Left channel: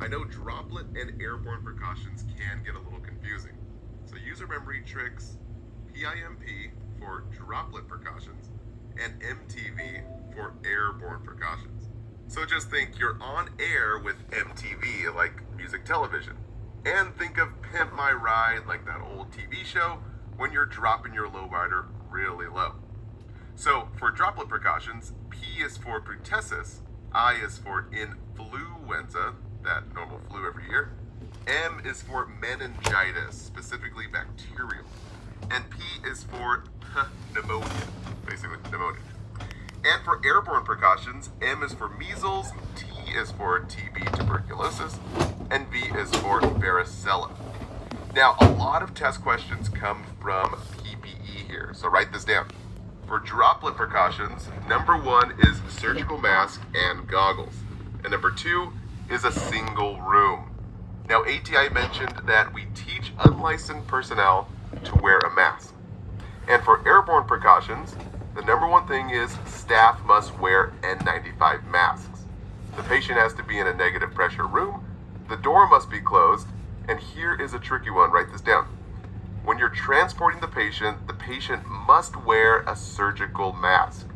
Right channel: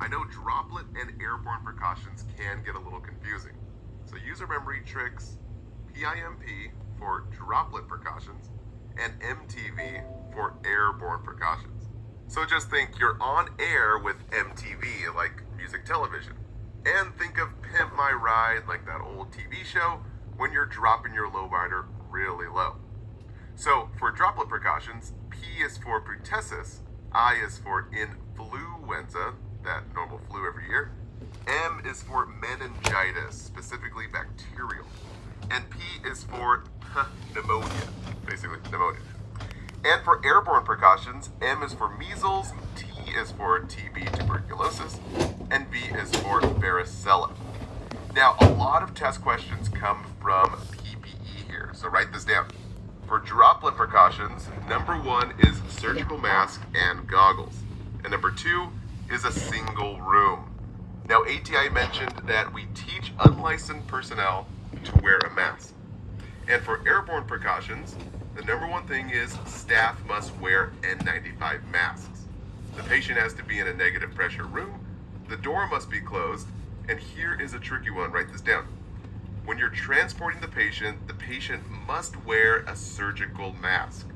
I know droplet and airborne precautions can get a little confusing. So user memory tricks PIMP for droplet precautions and MTV for airborne precautions. So just think you're on air with MTV, like music television. And think of Pimp My Ride, like that old TV show, when you're dropping your lowrider really low. So for droplet precautions, P is for pertussis, I is for influenza, that normal flu every year, M is for meningitis, specifically bacterial, and P is for pneumonia, basically pneumonia. And for airborne precautions, M is for measles, T is for TB tuberculosis, and V is for varicella. Now, a lot of test questions come from PPE here, so write this down. For droplet precautions, number 1 is surgical mask and goggles, and number 2 is a single room. Now, ATI mentioned that we teach unlicensed personnel to wear a mask. And for airborne precautions, the number 1 thing is staff must wear N95 masks. The patient has to be in a negative pressure room, the door must be closed, and here is a tricky one, write this down. When you're transporting the patient must wear a surgical mask.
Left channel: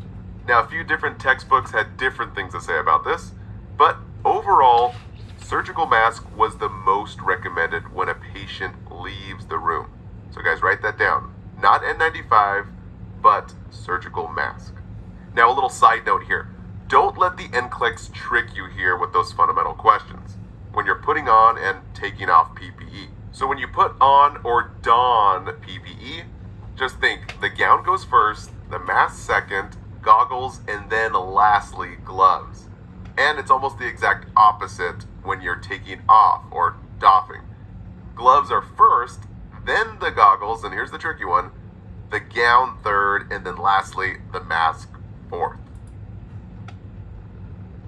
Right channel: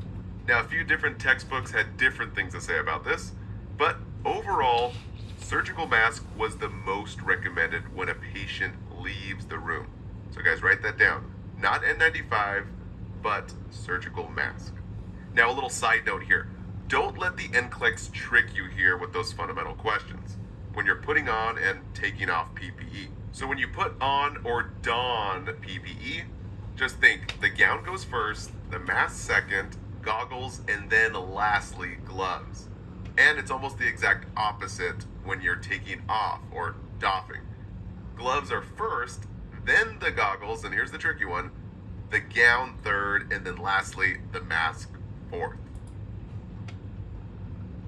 Now, a few different textbooks had different things to say about this, but overall, surgical mask was the most recommended when a patient leaves the room. So guys, write that down. Not N95, but surgical mask. Now, a little side note here. Don't let the NCLEX trick you here with those fundamental questions when you're putting on and taking off PPE. So when you put on or don PPE, just think the gown goes first, the mask second, goggles, and then lastly, gloves. And it's almost the exact opposite when you're taking off or doffing. Gloves are first, then the goggles, and here's the tricky one, the gown third, and then lastly, the mask fourth.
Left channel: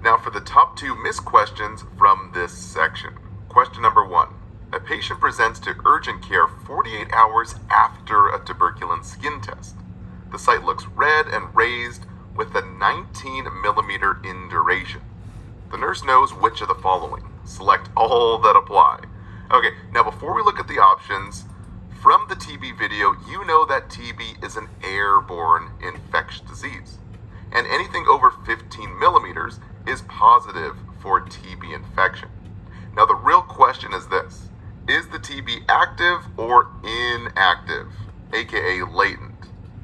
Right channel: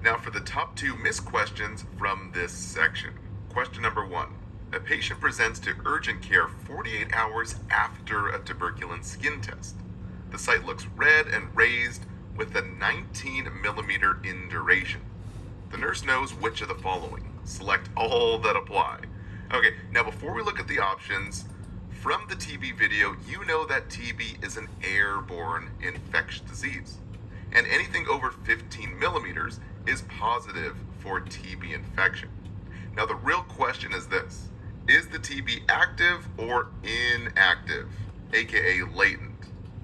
Now for the top 2 missed questions from this section. Question number 1. A patient presents to urgent care 48 hours after a tuberculin skin test. The site looks red and raised with a 19 millimeter in duration. The nurse knows which of the following. Select all that apply. Okay, now before we look at the options, from the TB video, you know that TB is an airborne infectious disease. And anything over 15 millimeters is positive for TB infection. Now the real question is this. Is the TB active or inactive, aka latent?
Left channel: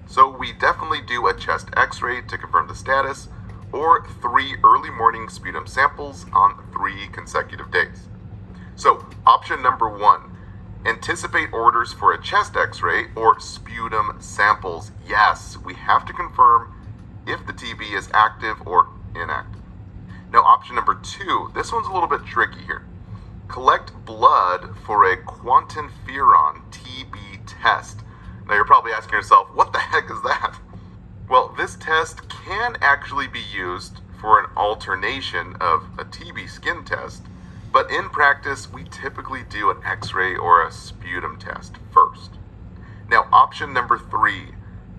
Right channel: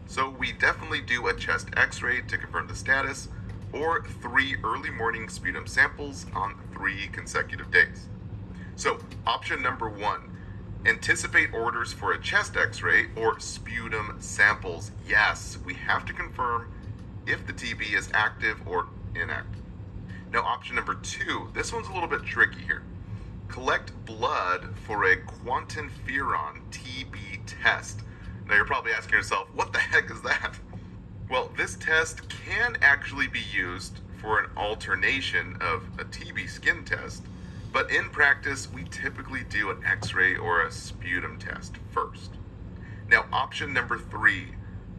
So we definitely do a chest x-ray to confirm the status, or 3 early morning sputum samples on 3 consecutive days. So option number 1, anticipate orders for a chest x-ray or sputum samples. Yes, we have to confirm if the TB is active or inactive. Now option number 2, this one's a little bit tricky here. Collect blood for a quantiferon TB test. Now you're probably asking yourself, what the heck is that? Well, this test can actually be used for an alternation of a TB skin test, but in practice, we typically do an x-ray or a sputum test first. Now, option number 3,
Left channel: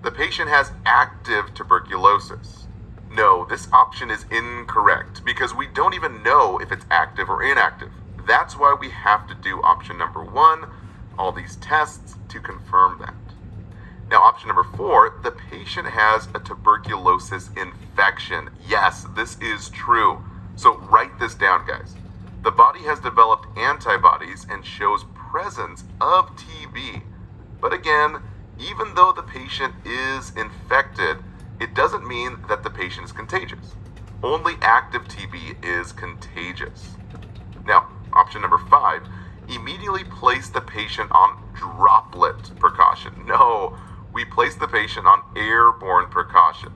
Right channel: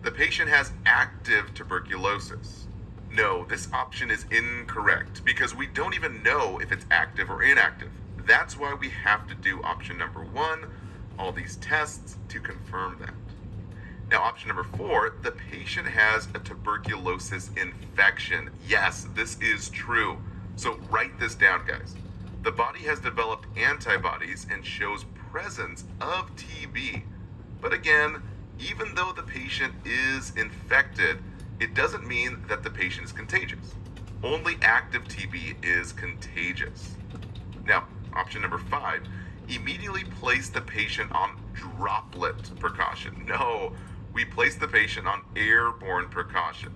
the patient has active tuberculosis. No, this option is incorrect because we don't even know if it's active or inactive. That's why we have to do option number 1, all these tests to confirm that. Now, option number 4, the patient has a tuberculosis infection. Yes, this is true. So write this down, guys. The body has developed antibodies and shows presence of TB. But again, even though the patient is infected, it doesn't mean that the patient is contagious. Only active TB is contagious. Now, option number 5, immediately place the patient on droplet precaution. No, we place the patient on airborne precaution.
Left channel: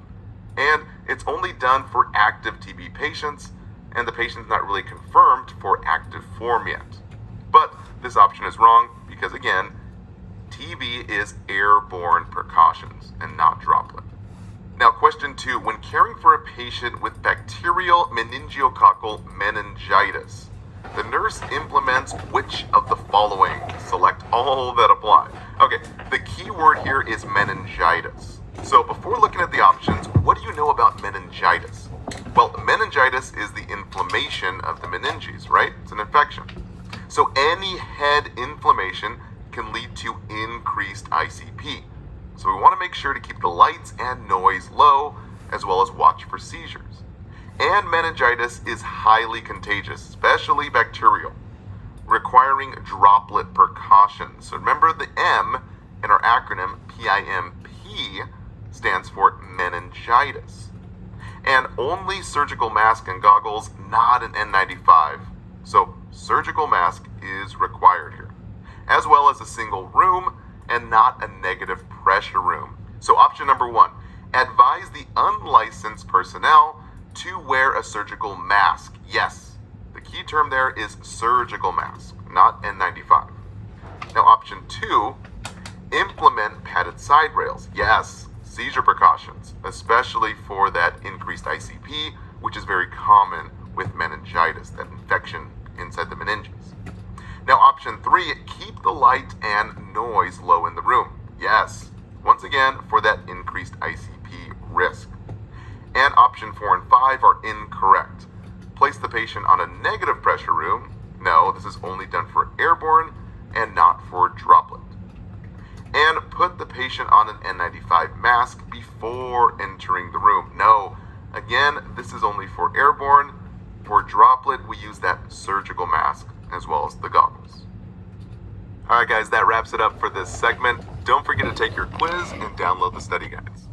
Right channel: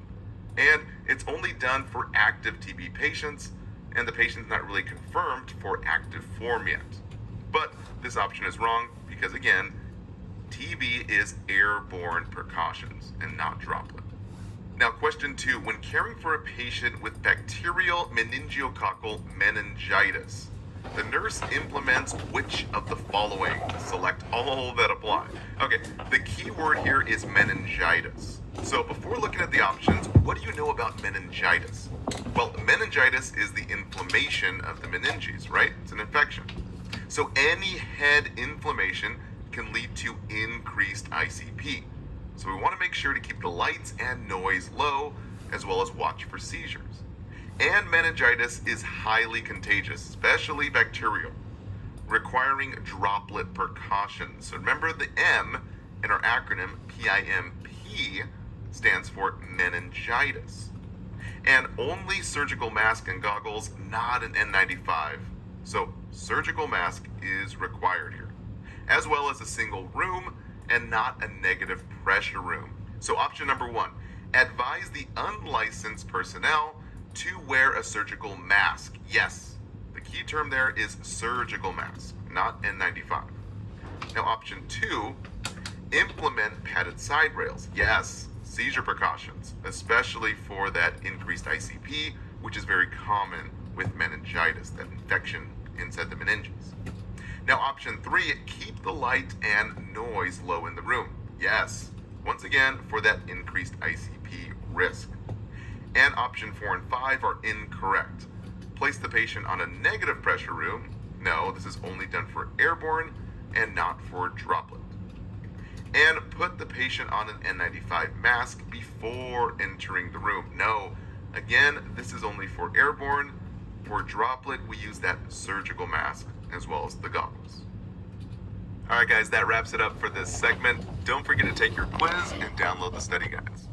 And it's only done for active TB patients, and the patient's not really confirmed for active form yet. But this option is wrong because, again, TB is airborne precautions and not droplet. Now, question 2, when caring for a patient with bacterial meningococcal meningitis, the nurse implements which of the following? Select all that apply. Okay, the key word here is meningitis. So before looking at the options, what do you know about meningitis? Well, meningitis is the inflammation of the meninges, right? It's an infection. So any head inflammation can lead to increased ICP. So we want to make sure to keep the lights and noise low, as well as watch for seizures. And meningitis is highly contagious, especially bacterial, requiring droplet precaution. So remember the M in our acronym PIMP stands for meningitis. And only surgical mask and goggles, not an N95. So surgical mask is required here, as well as a single room and not a negative pressure room. So option number 1, advise the unlicensed personnel to wear a surgical mask. Yes, the key term there is surgical mask, not N95. Now option 2, implement padded side rails. Yes, seizure precautions, especially for that increased ICP, which is very common with meningitis, that infection inside the meninges. Now option 3, keep the light and noise low in the room. Yes, once again, for that increased ICP risk. And option 4 and 5 are incorrect. Place the patient on a negative pressure room. No, this is only done for airborne and not for droplet. And put the patient on an N95 mask before entering the room. No, again, this is only for airborne. For droplet, we use that surgical mask as well as the goggles. All right, guys, that wraps it up for this segment. Don't forget to take your quiz and download the study guides.